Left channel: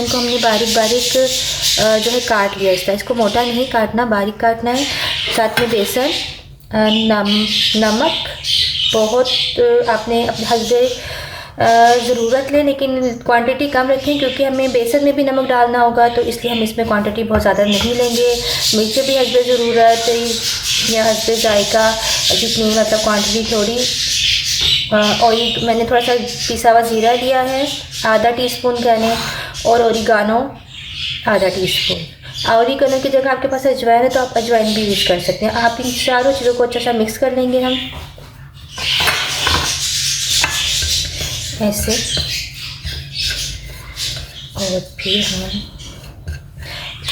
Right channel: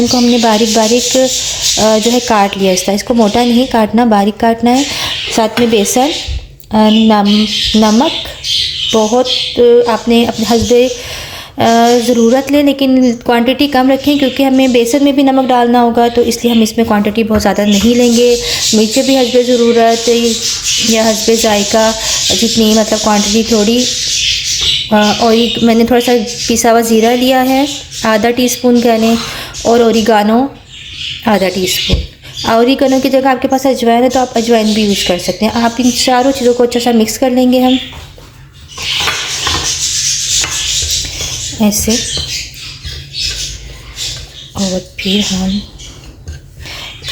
इनको हमने बारीक बारीक जो है काट लिया इस तरह। इसको मोटा नहीं काटना, बारीक काटना है। साथ में बेसन, नमक बहुत आपने अपने हस्बे ज़रूरत लें, लेकिन क्वांटिटी कम रखें क्योंकि हमें बेसन में भी नमक डालना होगा, तो इसलिए हम इसमें क्वांटिटी बहुत ज़्यादा नहीं लेंगे। मिर्चें भी हस्बे ज़रूरत या हस्बे जायका जितनी, मतलब क्वांटिटी थोड़ी। और मैंने थोड़ा सा पिसा हुआ ज़ीरा लिया है आधा टीस्पून गाने, और ओरिगानो आधा टीस्पून। ओरिगानो की जगह आपके पास अजवाइन है तो आप अजवाइन भी यूज़ कर सकते हैं। आप इन चारों चीज़ों को अच्छा सा मिक्स कर लेंगे हम ऐसे, और फिर हम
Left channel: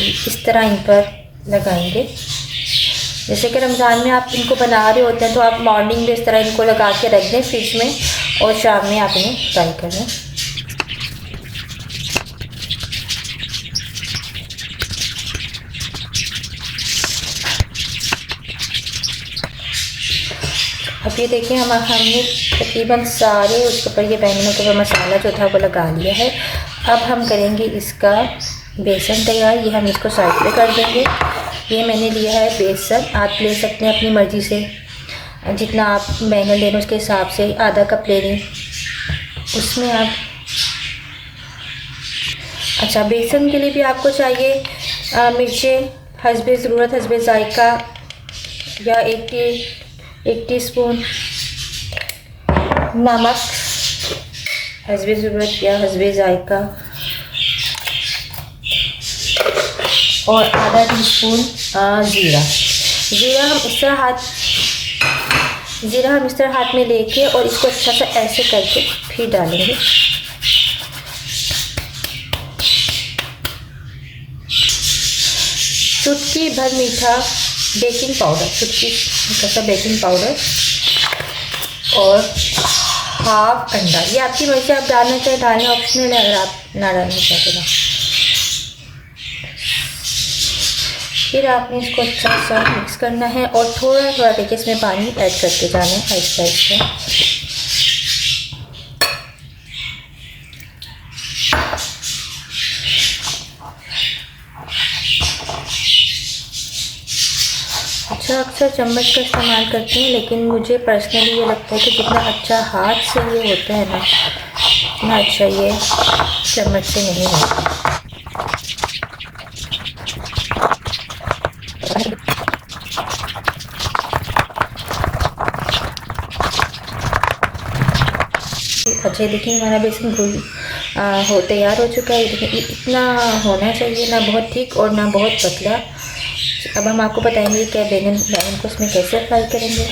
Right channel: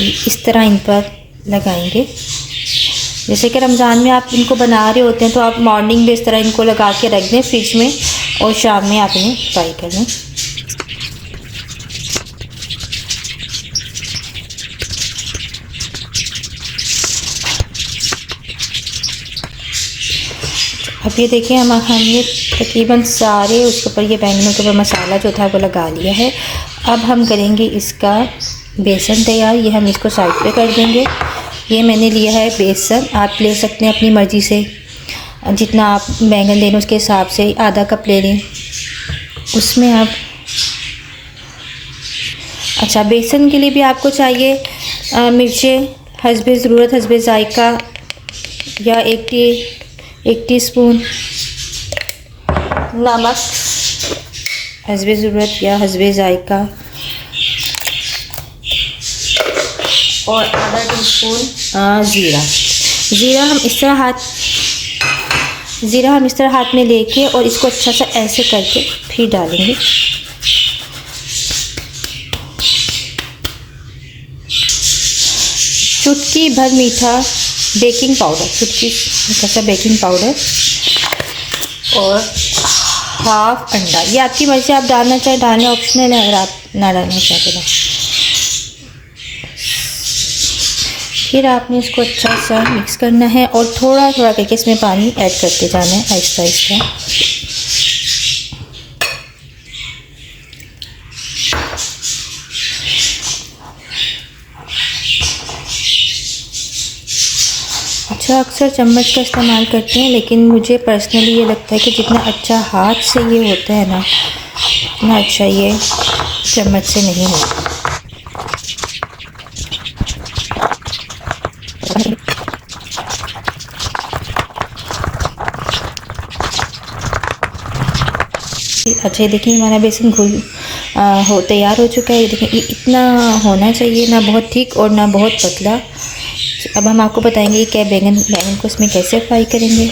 इस तरह इन पर लगाएंगे। जैसे कि रमज़ान में आप इनको बना रहे होते हैं तो आप मॉर्निंग में इस तरह इनको लगा के रख दें फ्रिज में, और शाम में आप इन्हें फ्राई कर लें। अब ये देखिए हमने तकरीबन सारे उसके ऊपर, ये बैंगनों के ऊपर मसाला जो था वो लगा लिया है। अब हम करेंगे इसका बेसन तैयार। ये हम इसको साइड पे कर देंगे। ये मैंने लिया है बेसन, आप ले सकते हैं अपनी मर्ज़ी से, जितना आप बैंगन लें उसके हिसाब से आधा कप ले लें। उसमें आप अच्छा, बेसन के लिए भी आपको चाहिए मिर्चें हस्बे ज़रूरत, हस्बे जायका, या एक टीस्पून नमक हस्बे ज़रूरत या हस्बे जायका, और आधा टीस्पून ज़ीरा हम इस तरह हाथ में लेके और इसको अच्छा सा ऐसे करके फिर डालेंगे। चुटकी भर मीठा बेकिंग पाउडर, चुटकी सा बेकिंग पाउडर, और हाफ अंडा। ये आपकी मर्ज़ी, आप डालना चाहे डालें, ऑप्शनल है, अगर आप ना डालना चाहते तो। फिर आपने इसको अच्छा सा मिक्स करना है और थोड़ा थोड़ा करके इसमें पानी ऐड करते जाना है आहिस्ता आहिस्ता। अच्छा, अक्सर चम्मच का इस्तेमाल करते हैं, लेकिन मुझे पर्सनली ये लगता है कि जितना अच्छा हाथ से ये होता है ना, उतना अच्छा ये चम्मच से नहीं होता। अच्छा, देखिए हमारा बेसन तैयार हो चुका है। देखिए इतना होना चाहिए, ना बहुत थिक और ना बहुत पतला। अब हम आपको बताएंगे क्या बैंगन को इसमें कैसे फ्राई करेंगे।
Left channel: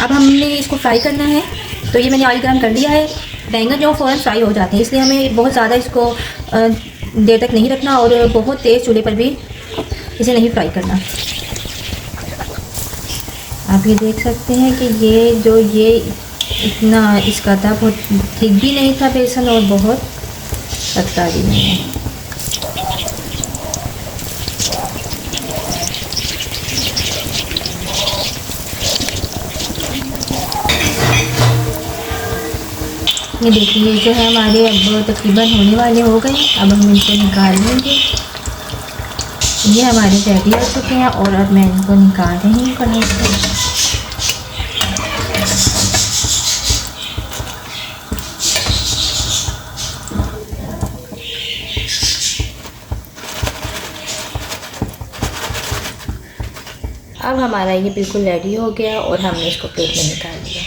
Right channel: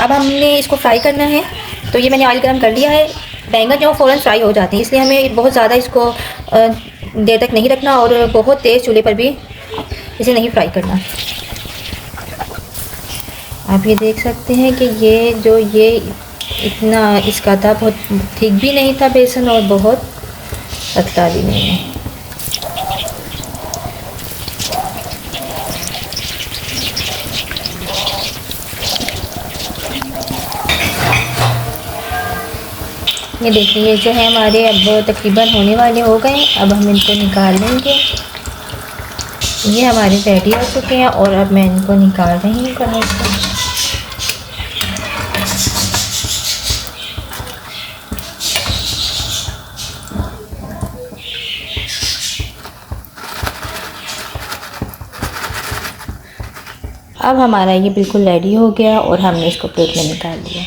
अब हमने इसको फ्राई करना है, तो ये मैंने ऑयल गर्म कर लिया है। बैंगन जो फ़ौरन फ्राई हो जाते हैं, इसलिए हमें बहुत ज़्यादा इसको देर तक नहीं रखना, और बहुत तेज़ चूल्हे पर भी इसे नहीं फ्राई करना। आप ये देख सकते हैं कि ये इतना इसका था, बहुत थिक भी नहीं था बेसन और बहुत पतला भी नहीं है। ये देखिए जो है हमारे अब तकरीबन होने वाले हो गए। अब हम इनको निकाल लेंगे। ये हमारे रेडी हो चुके हैं और अब मैं इनको निकाल रही हूँ कढ़ाई से। अब हमारा ये बिल्कुल रेडी हो गया और हमने इसको प्लेट में निकाल लिया।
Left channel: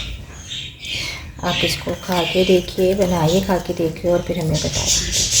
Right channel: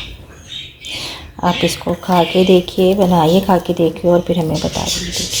आप इसको खा के देखिए, बनाइए, खा के देखिए और फिर हमें बता दीजिए।